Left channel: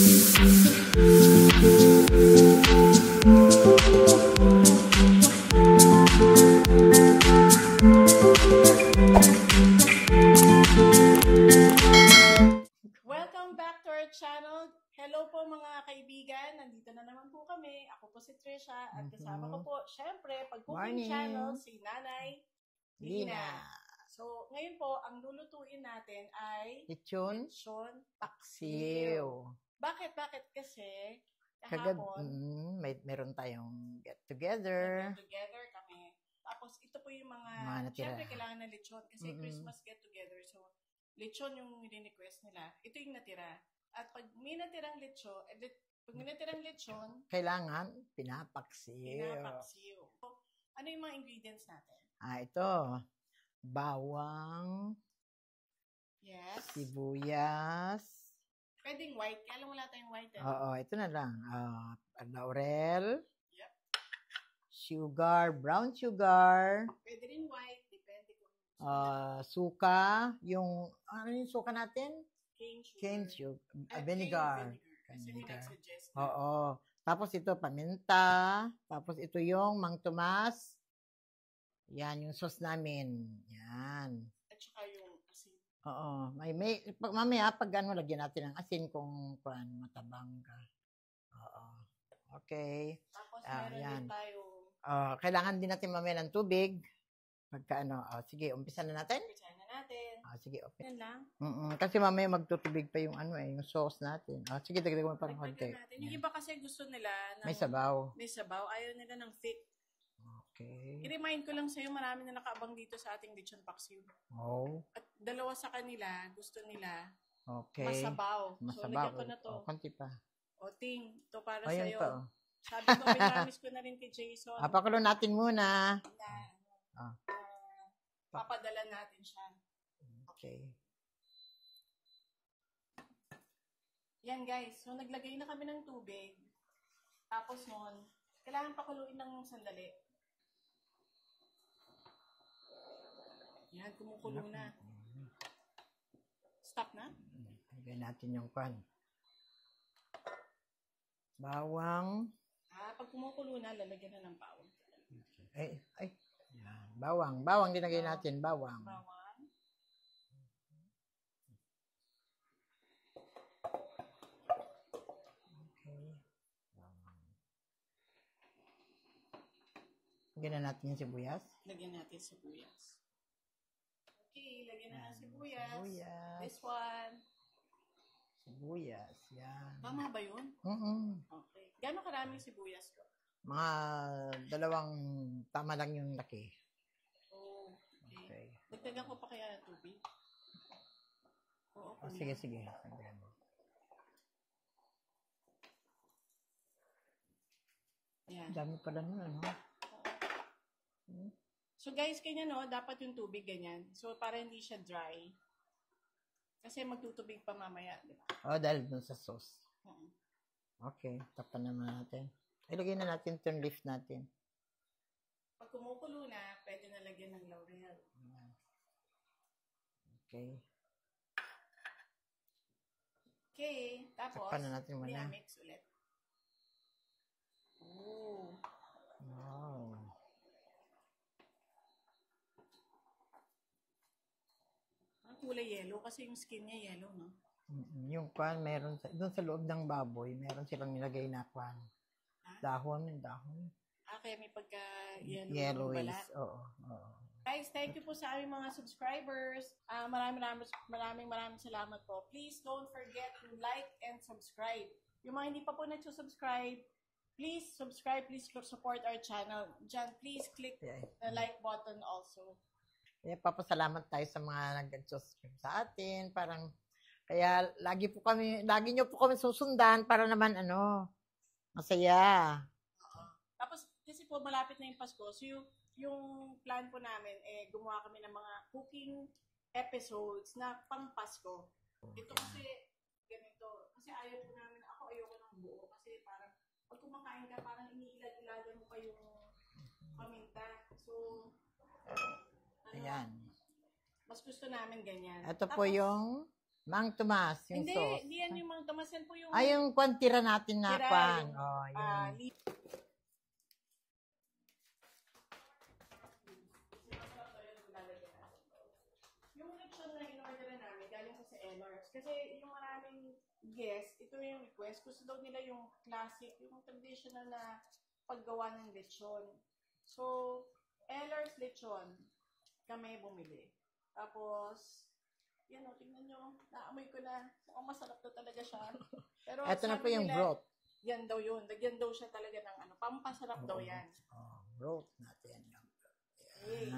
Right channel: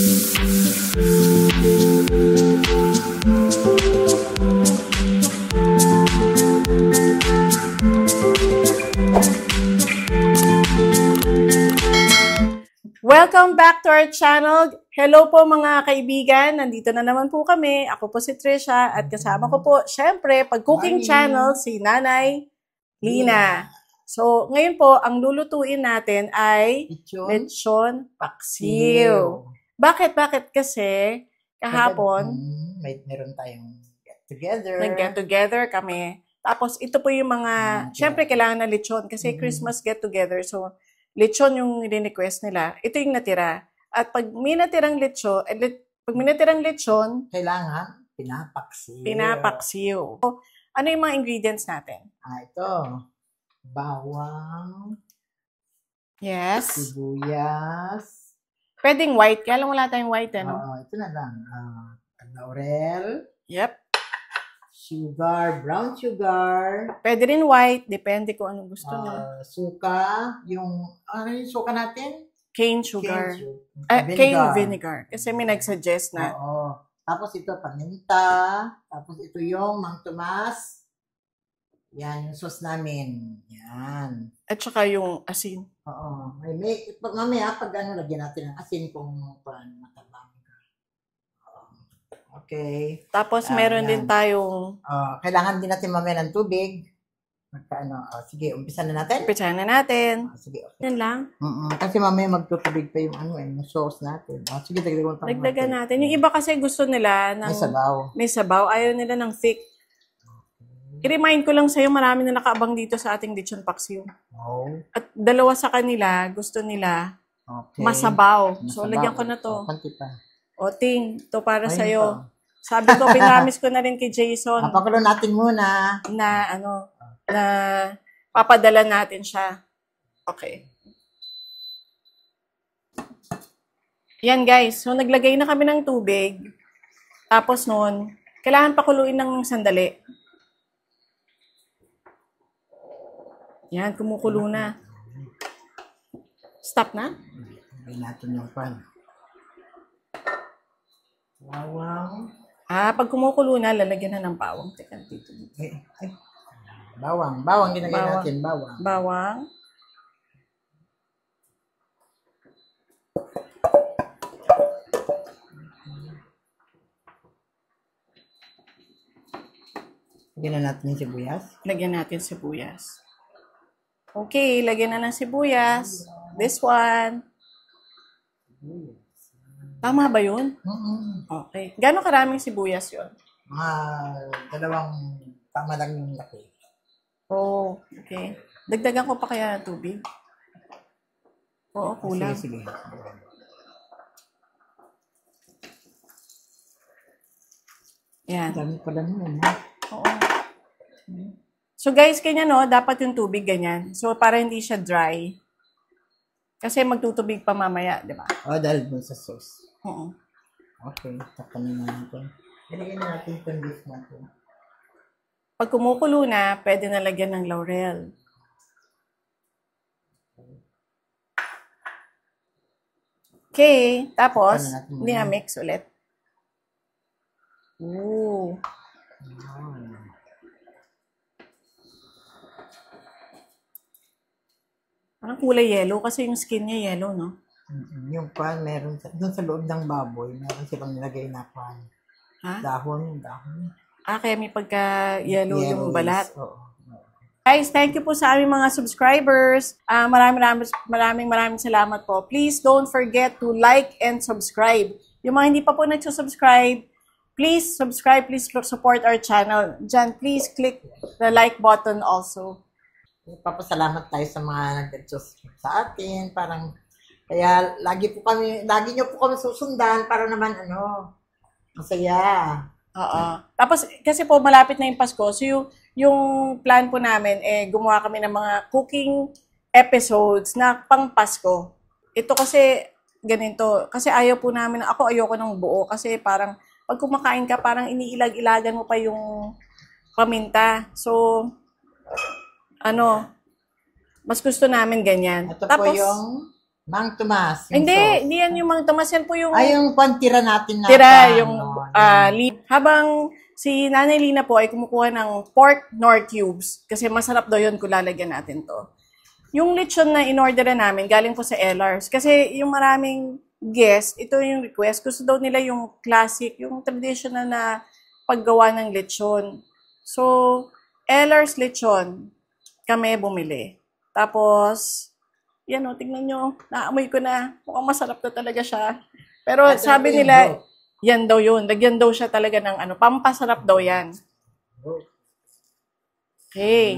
Welcome back to our channel. Hello po mga kaibigan. Nandito na naman po kami. Ako po si Trisha at kasama ko po, syempre, pag-cooking channel, si Nanay Lina. So, ngayon po, ang lulutuin natin ay lechon paksiw. Bakit? Kasi kahapon, meron tayong get-together. Nag-get-together kami. Tapos, ito po yung mga, syempre, kailangan na lechon kasi Christmas get-together. So, lechon yung request nila. Ito yung natira. At pag may natirang lechon, kailangan pinapaksiw. So, ano yung mga ingredients natin? Ito. Bawang. Yes. Sibuyas. Pwedeng white. Kaya lang wala tayong white, ano? Oo, ito na lang. Laurel. Yep. Sugar, brown sugar. Pwede rin white. Depende kung anong gusto nila. Suka. Ano yung suka natin? Cane sugar. Cane vinegar. Kasi may nagsuggest na. Oo. Tapos ito, paminta. Tapos ito yung Mang Tomas. Yan, yung sauce namin. Yan. At saka yung asin. Oo. Mamaya, pag lagyan natin ng asin kung matabang ka. Okay. Tapos meron din tayong... kailangan din natin mamaya ng tubig. Sige, umpisa na natin. Sige, okay. Yan lang. Kasi mamaya magtutubig pa yung yung sauce natin. Sige, dagdagan natin. Yung iba kasi gusto nila ng... May sabaw. Ayaw nila ng thick. Okay. I-remind ko lang sa'yo, marami na nakaabang dito sa ating lechon paksiw. Oh. At dalawa sa kanila, gusto nila masabaw. So, lagyan ko na to. Konti pa. Ting, to para sa'yo. Sabi ko, pinamis ko na rin kay Jason. Papakulo natin muna. Na papadala natin siya. Okay. Yan guys. So, naglagay na kami ng tubig. Tapos noon, kailangan pakuluin ng sandali. Yan, kumukulo na. Stop na? Lagay natin yung pan. Bawang. Pag kumukulo na, lalagyan na ng bawang. Teka, dito. Bawang. Bawang, ginagay natin. Bawang. Lagyan na natin yung sibuyas. Lagyan natin sibuyas. Okay, lagyan na ng sibuyas. This one. Sibuyas. Tama ba yun? Okay. Gano'ng karaming sibuyas yun? Mga 2 tama lang yung laki. Oh, okay. Dagdagan ko pa kaya ng tubig? Oo, kulang. Sige. Yan. Dami pala naman. Oo. So guys, kanya dapat yung tubig ganyan. So para hindi siya dry. Kasi magtutubig pa mamaya, di ba? Dahil dun sa sauce. Oo. Okay, tapanin na natin. Ilagay na natin itong beef natin. Pag kumukulo na, pwede na lagyan ng laurel. Okay, tapos, mix ulit. Ooh. Parang kulay yellow kasi yung skin niya yellow, no? Yung pan, meron doon sa loob ng baboy, meron silang nilagay na pan. Dahon. Kaya may pagka-yellow yung balat. Oo. Guys, thank you po sa aming mga subscribers. Maraming salamat po. Please don't forget to like and subscribe. Yung mga hindi pa po nagsusubscribe, please subscribe, please support our channel. Diyan, please click the like button also. Papasalamat tayo sa mga nag-subscribe sa atin. Kaya lagi nyo po kami susundan para naman masaya. Oo. Tapos kasi po malapit na yung Pasko. So yung plan po namin gumawa kami ng mga cooking episodes na pang Pasko. Ito kasi ganito. Kasi ayoko ng buo kasi parang pag kumakain ka parang iniilag-ilagan mo pa yung paminta. So mas gusto namin ganyan. Ito tapos, po yung Mang Tomas. Yung Hindi, sauce. hindi yan yung Mang Tomas. Yan po yung Ay, yung tira natin na. tira, yung yun. habang si Nanay Lina po ay kumukuha ng pork nor cubes. Kasi masarap daw yun kung lalagyan natin to. Yung lechon na in-order namin, galing po sa LRs. Kasi yung maraming guest, ito yung request. Gusto daw nila yung classic, yung traditional na paggawa ng lechon. So, LRs lechon, kami bumili. Tapos, yan o, tingnan nyo, naamoy ko na. Mukhang masarap na talaga siya. Pero Ito sabi yung nila, broth. yan daw yun. Lagyan daw siya talaga ng ano, pampasarap daw yan. Broth natin. Okay.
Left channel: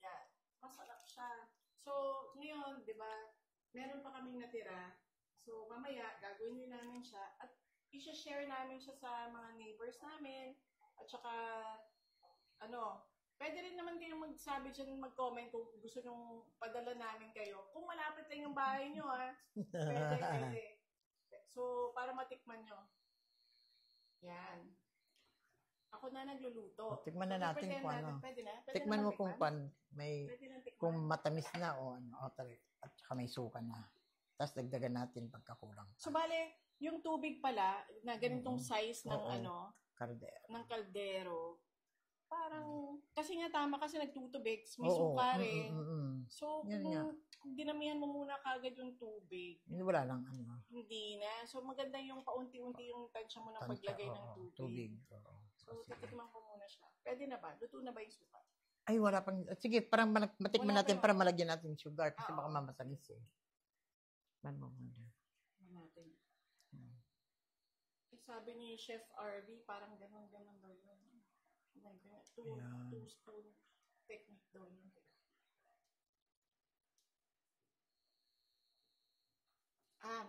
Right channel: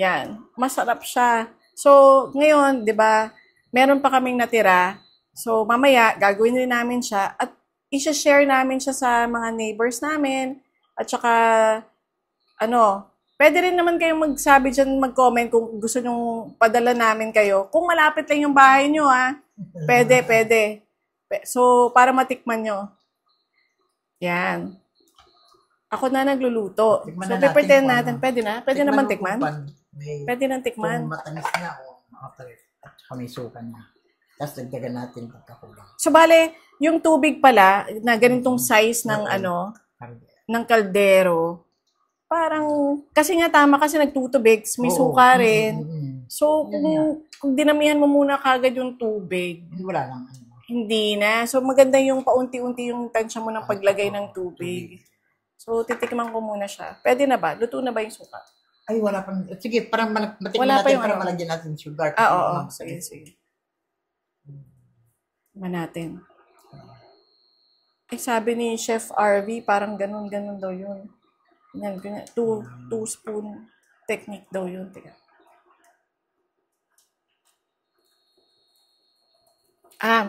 Yan. Masarap siya. So, ngayon, di ba, meron pa kaming natira. So, mamaya, gagawin rin namin siya at i-share namin siya sa mga neighbors namin. At saka, pwede rin naman kayong magsabi dyan, mag-comment kung gusto nyong padala namin kayo. Kung malapit lang yung bahay nyo, pwede. So, para matikman nyo. Yan. Ako na nagluluto. Tikman So, na natin pretend kung natin. ano. Pwede na? Pwede naman tikman? Pwede nang Kung tikman. matamis na o at saka may suka na. Tapos dagdagan natin pagkakulang. So, bale, yung tubig pala, na ganitong size ng Kardero. ng kaldero, parang, kasi nga tama kasi nagtutubig, may Oo. suka rin. So, Yun nga. kung dinamihan mo muna kagad yung tubig, Wala lang. hindi na. So, maganda yung paunti-unti yung tansya mo ng paglagay ng tubig. So, titikman ko muna siya. Pwede na ba? Luto na ba yung suka? Ay, wala pang. Sige, parang matikman Wala pa natin yung para ano. malagyan natin sugar. Oo. Sige. Tikman natin. Sabi ni Chef RV, parang ganun daw yun. Ganyan. Two spoon technique daw yun. Teka.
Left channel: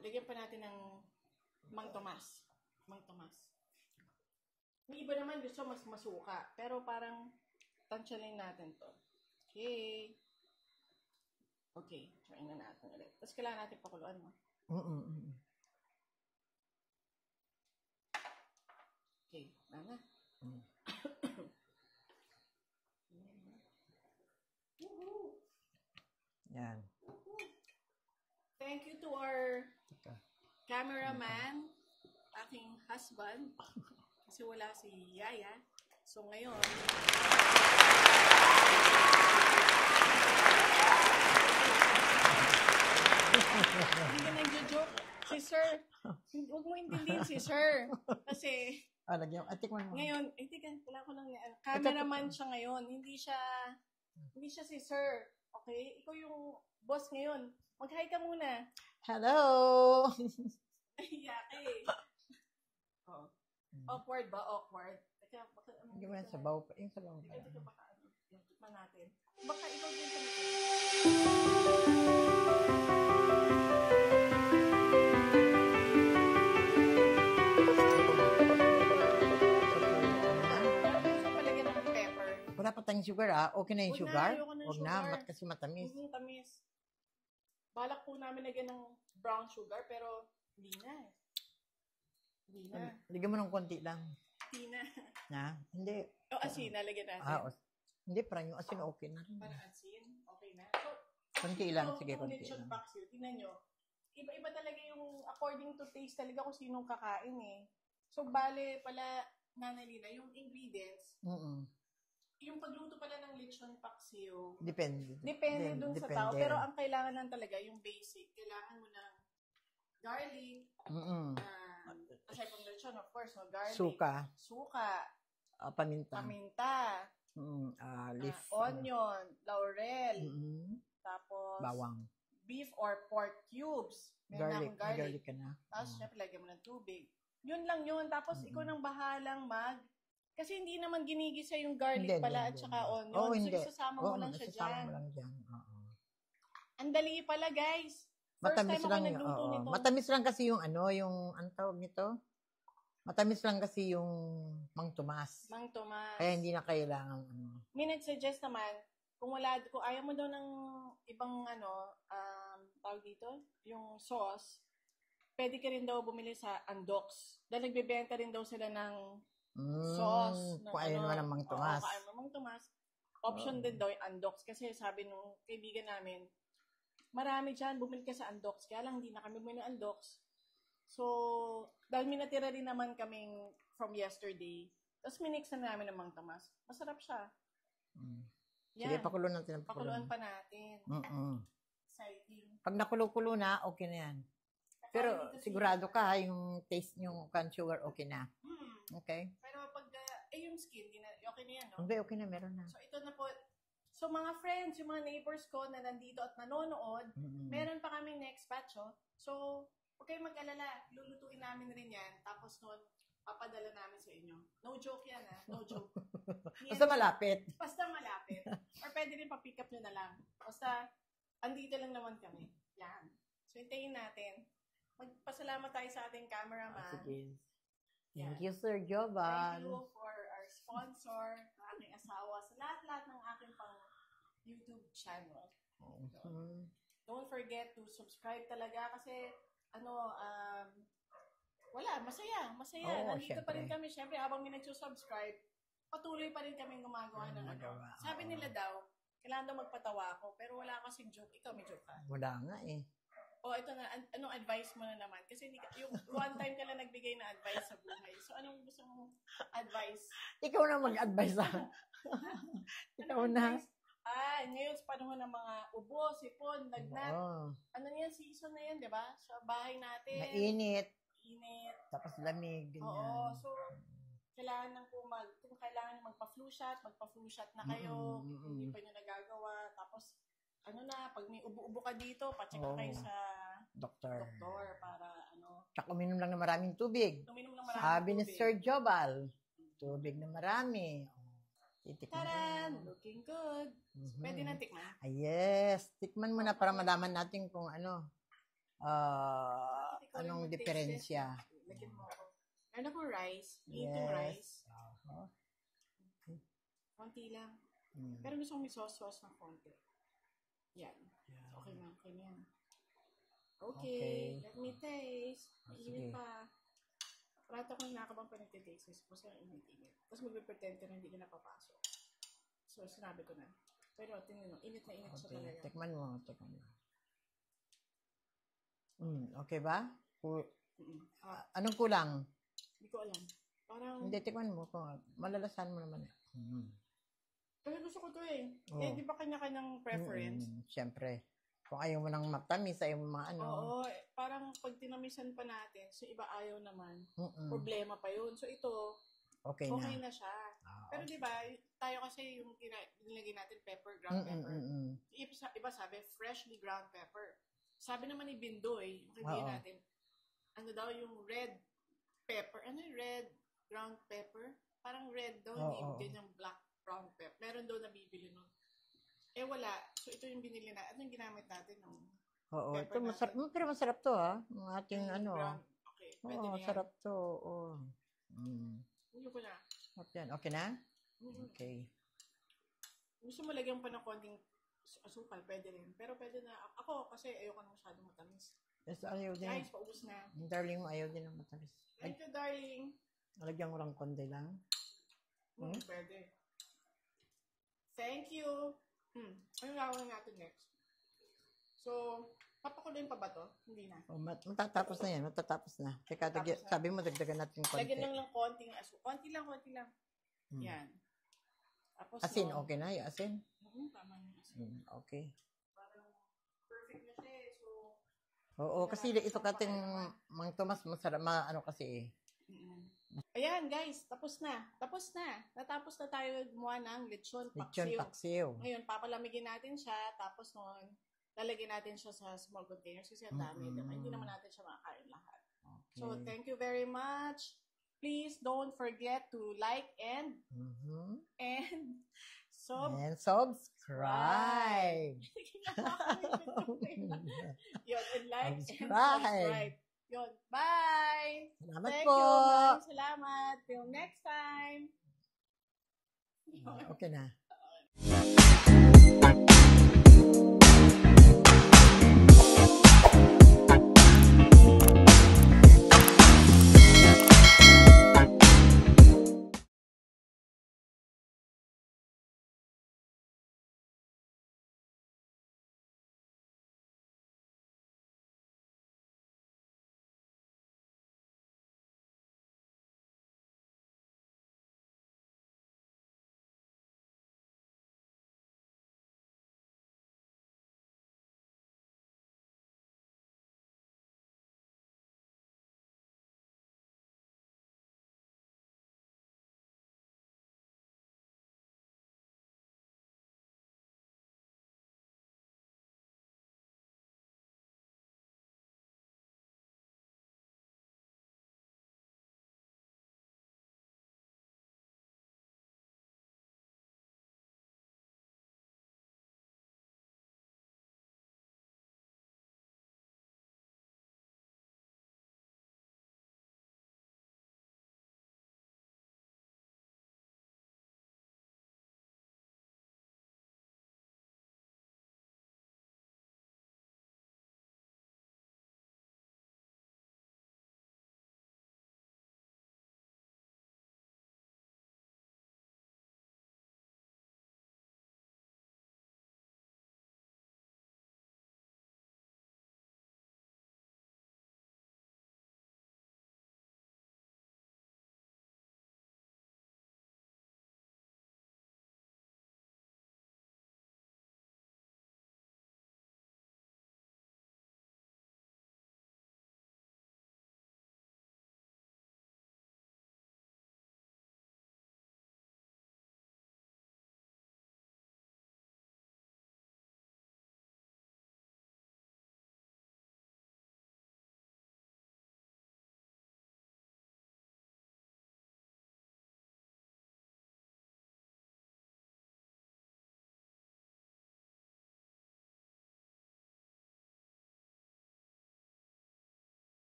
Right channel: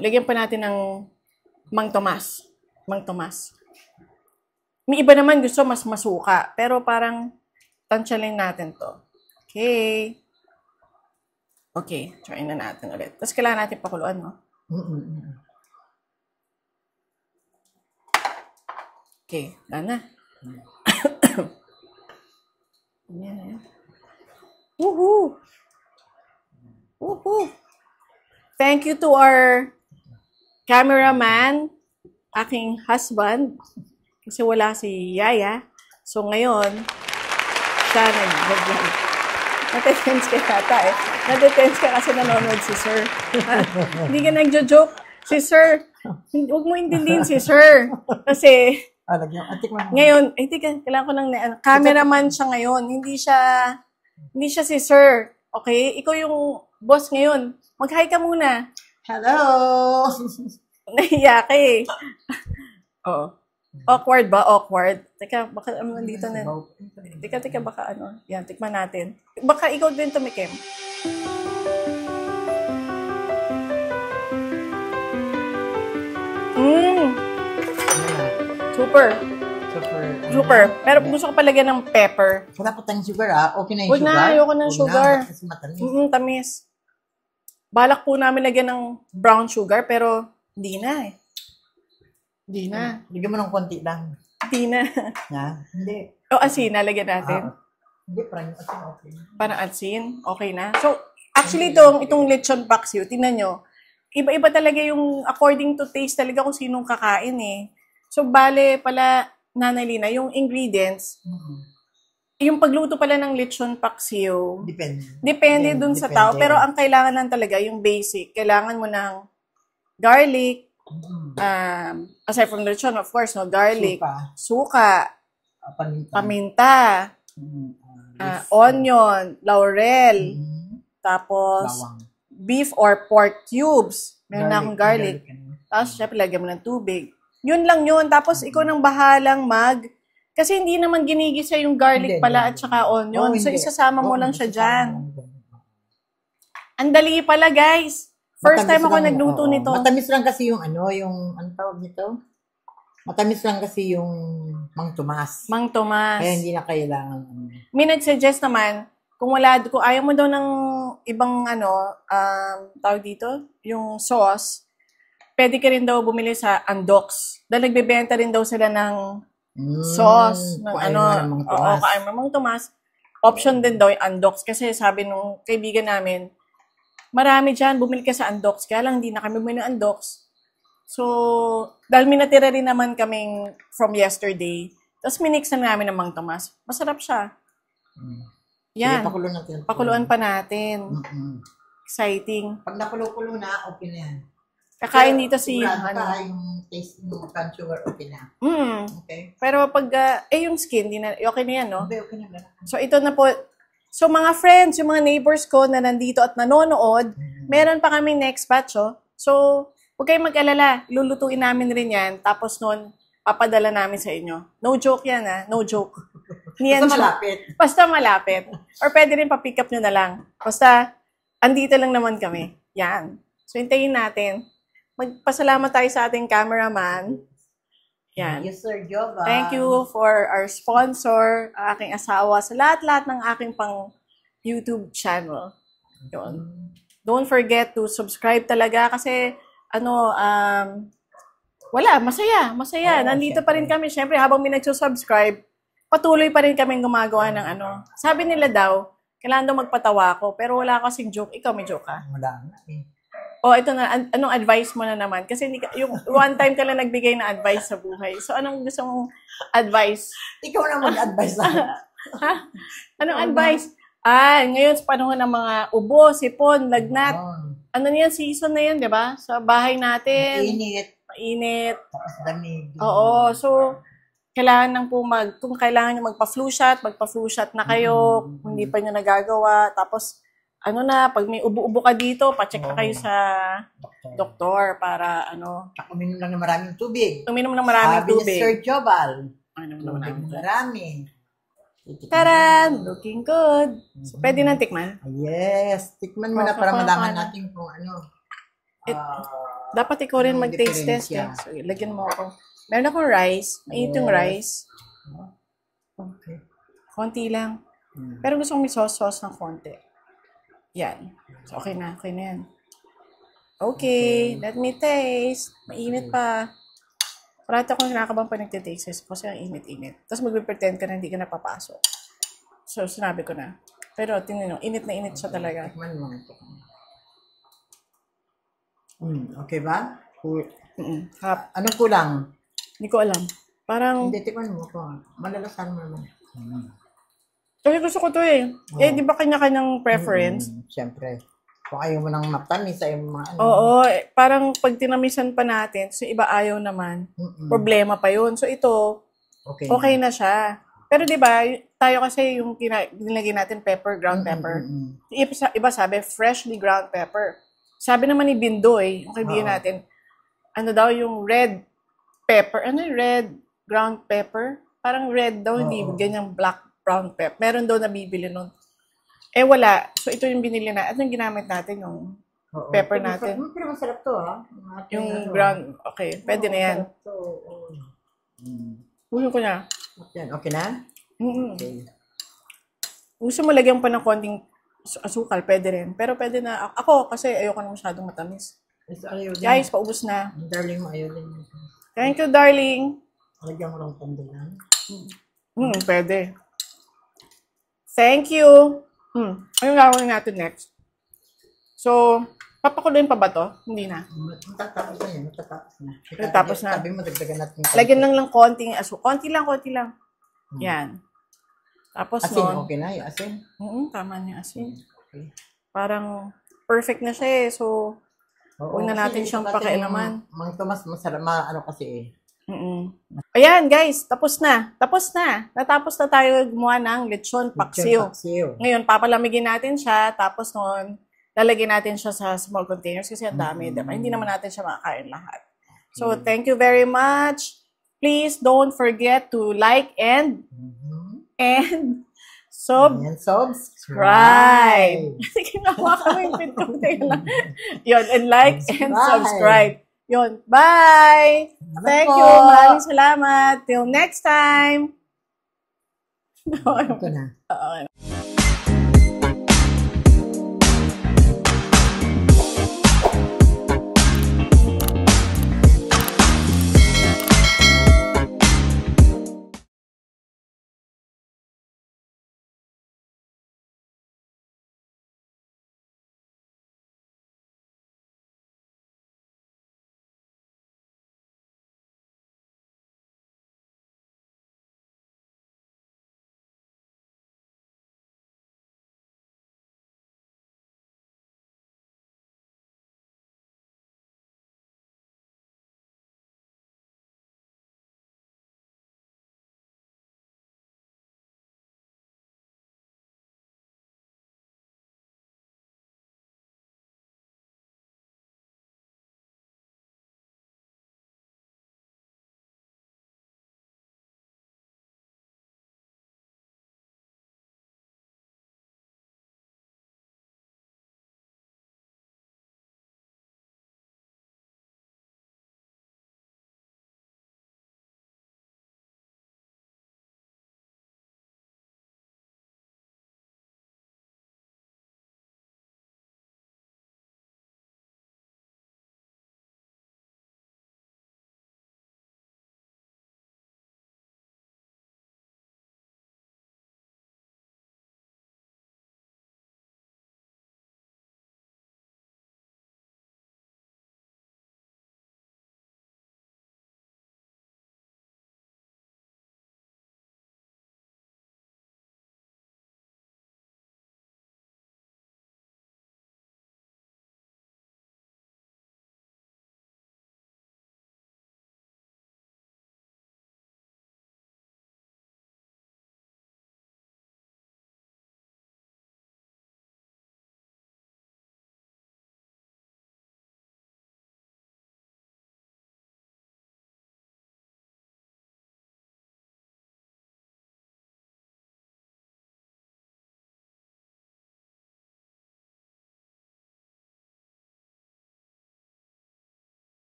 Lagyan pa natin ng Mang Tomas. May iba naman gusto mas masuka. Pero parang tansyahin natin to. Okay, try na natin ulit. Tapos kailangan natin pakuluan, no? Okay, na. Yan. Woohoo! Yan. Woohoo! Thank you to our cameraman, aking husband, kasi wala si Yaya. So ngayon, sana nag-tense ka yata eh. Nag-tense ka kasi nanonood si Sir. Hindi ka nagjo-joke. Si Sir, huwag mo intindihin si Sir. Kasi ngayon, kailangan ko ng cameraman siya ngayon. Hindi siya si Sir. Okay? Ikaw yung boss ngayon. Mag-hi ka muna. Hello! Nahiya ka eh. Oo. Awkward ba? Awkward. Teka, baka dito na. Teka, baka Yan, tikman natin. Baka ikaw din tumikim. Super. Pero gusto ko palagyan ng pepper. Wala pa tayong sugar Okay na yung Huwag sugar? na, ayoko ng sugar. Kasi matamis. Tamis. Balak po namin lagyan ng brown sugar, pero hindi na eh. Hindi na. Bigyan mo ng konti lang. Hindi na. Hindi. Asin, nalagyan natin. Hindi, parang yung asin okay. Parang asin, okay na. So, actually, itong lechon paksiw, tingnan nyo, iba-iba talaga yung according to taste talaga kung sinong kakain eh. So, bale pala, Nanay Lina, yung ingredients, yung pagluto pala ng lechon paksiw, depende dun sa tao. Pero ang kailangan lang talaga, yung basic, kailangan mo ng garlic, aside from lechon, of course, no, garlic, suka, paminta, onion, laurel, tapos beef or pork cubes. Meron na akong garlic. Tapos, syempre, lagyan mo ng tubig. Yun lang yun. Tapos, ikaw nang bahalang kasi hindi naman ginigisa yung garlic pala at saka onion. So, isasama mo lang siya dyan. Ang dali pala, guys. First time ako nagluto nito. Matamis lang kasi yung ang tawag nito? Matamis lang kasi yung Mang Tomas. Kaya hindi na kailangan. May nag-suggest naman, kung ayaw mo daw ng ibang tawag dito, yung sauce, pwede ka rin daw bumili sa Andox. Dahil nagbebenta rin daw sila ng sauce. Kain mo Mang Tomas. Option din daw yung Andox. Kasi sabi nung kaibigan namin, marami dyan, bumili ka sa Andox. Kaya lang, hindi na kami bumili ng Andox. So, dahil may natira rin naman kaming from yesterday, tapos minix na namin ng Mang Tomas. Masarap siya. Yan. Sige, pakulo natin. Pakuluan pa natin. Exciting. Pag nakulo-kulo na, okay na yan. Kakain dito si... yung taste yung brown sugar, okay na. Okay. Pero pag, yung skin, okay na yan, no? Okay na, meron na. So, ito na po. So, mga friends, yung mga neighbors ko na nandito at nanonood, meron pa kami next batch, oh. So, huwag kayong mag-alala. Lulutuin namin rin yan. Tapos nun, papadala namin sa inyo. No joke yan, ha? No joke. Basta malapit. Basta malapit. Or pwede rin pa-pick up nyo na lang. Basta, andito lang naman kami. Yan. So, hintayin natin. Magpasalamat tayo sa ating cameraman. Yan. Yes, Sir Jova. Thank you for our sponsor, aking asawa, sa lahat-lahat ng aking pang YouTube channel. Yun. Don't forget to subscribe talaga kasi, wala, masaya. Nandito pa rin kami. Siyempre, habang may nagsusubscribe, patuloy pa rin kaming gumagawa ng Sabi nila daw, kailangan daw magpatawa ako, pero wala kasing joke. Ikaw may joke ka? Wala nga eh. Ito na, anong advice mo na naman? Kasi yung one time ka lang nagbigay ng advice sa buhay. So, anong gusto mong advice? Ikaw na mag-advise sa Ha? Anong advice? Ngayon sa panahon ng mga ubo, sipon, lagnat. Ano niyan, season na yan, di ba? Sa bahay natin. Mainit. Tapos lamig. Oo. So, kailangan nang po kung kailangan nyo magpa-flu shot, magpa-flu shot na kayo. Kung hindi pa nyo nagagawa. Tapos, pag may ubo-ubo ka dito, pa-check ka kayo sa doktor para Tsaka uminom lang ng maraming tubig. Uminom ng maraming tubig. Sabi ni Sir Jobal. Marami. Taran! Looking good. So, pwede nang tikman? Yes. Tikman mo na para malaman natin kung dapat ikaw rin mag-taste test. So, lagyan mo ako. Meron akong rice. Mainit yung rice. Okay. Konti lang. Pero gusto kong may sauce ng konti. Yan. So, okay na yan. Okay, let me taste. Mainit pa. Parati akong kinakabang pa nagtitaste kasi ang init-init. Tapos magpipretend ka na hindi ka napapasok. So, sinabi ko na. Pero, tingnan nyo, init na init siya talaga. Tikman mo. Okay ba? Anong kulang? Hindi ko alam. Parang... Hindi, tikman mo ko. Malalasan mo naman. Kasi gusto ko to eh. Di ba kanya-kanyang preference? Siyempre. Kung ayaw mo nang matamis, ayaw mo mga Oo, parang pag tinamisan pa natin, so iba ayaw naman. Problema pa yun. So ito, okay na siya. Pero di ba tayo kasi yung nilagay natin pepper, ground pepper. Iba sabi, freshly ground pepper. Sabi naman ni Bindoy, yung kaibigan natin, daw yung red pepper. Ano yung red ground pepper? Parang red daw, hindi ganyang black brown pepper. Meron daw nabibili nun. Wala. So, ito yung binili na. At yung ginamit natin, yung pepper natin. Pero masarap to, ha? Yung ground. Okay. Pwede na yan. Ulo ko na. Okay na? Okay. Gusto mo lagyan pa ng konting asukal, pwede rin. Pero pwede na. Ako, kasi ayoko na masyadong matamis. Guys, paubos na. Darling mo, ayaw din. Thank you, darling. Lagyan mo lang pandilan. Pwede. Thank you. Anong gagawin natin next? So, papakuloyin pa ba to? Hindi na. Matatapos na yan. Matatapos na. Sabi mo, dagdagan natin. Lagyan lang konting aso. Konti lang. Yan. Tapos asin, okay na yung asin? Tama niya asin. Okay. Parang perfect na siya eh. So, huwag na natin siyang pakialaman. Mang Tomas, masarap, kasi eh. Ayan guys, tapos na. Natapos na tayo gumawa ng lechon paksiw. Ngayon, papalamigin natin siya. Tapos noon, lalagyan natin siya sa small containers kasi ang dami. Diba? Hindi naman natin siya makakain lahat. So, thank you very much. Please don't forget to like and subscribe. Sige nga, kami yung Yun, and like and subscribe. Yun. Bye! Thank you. Maraming salamat. Till next time. Okay na. Okay.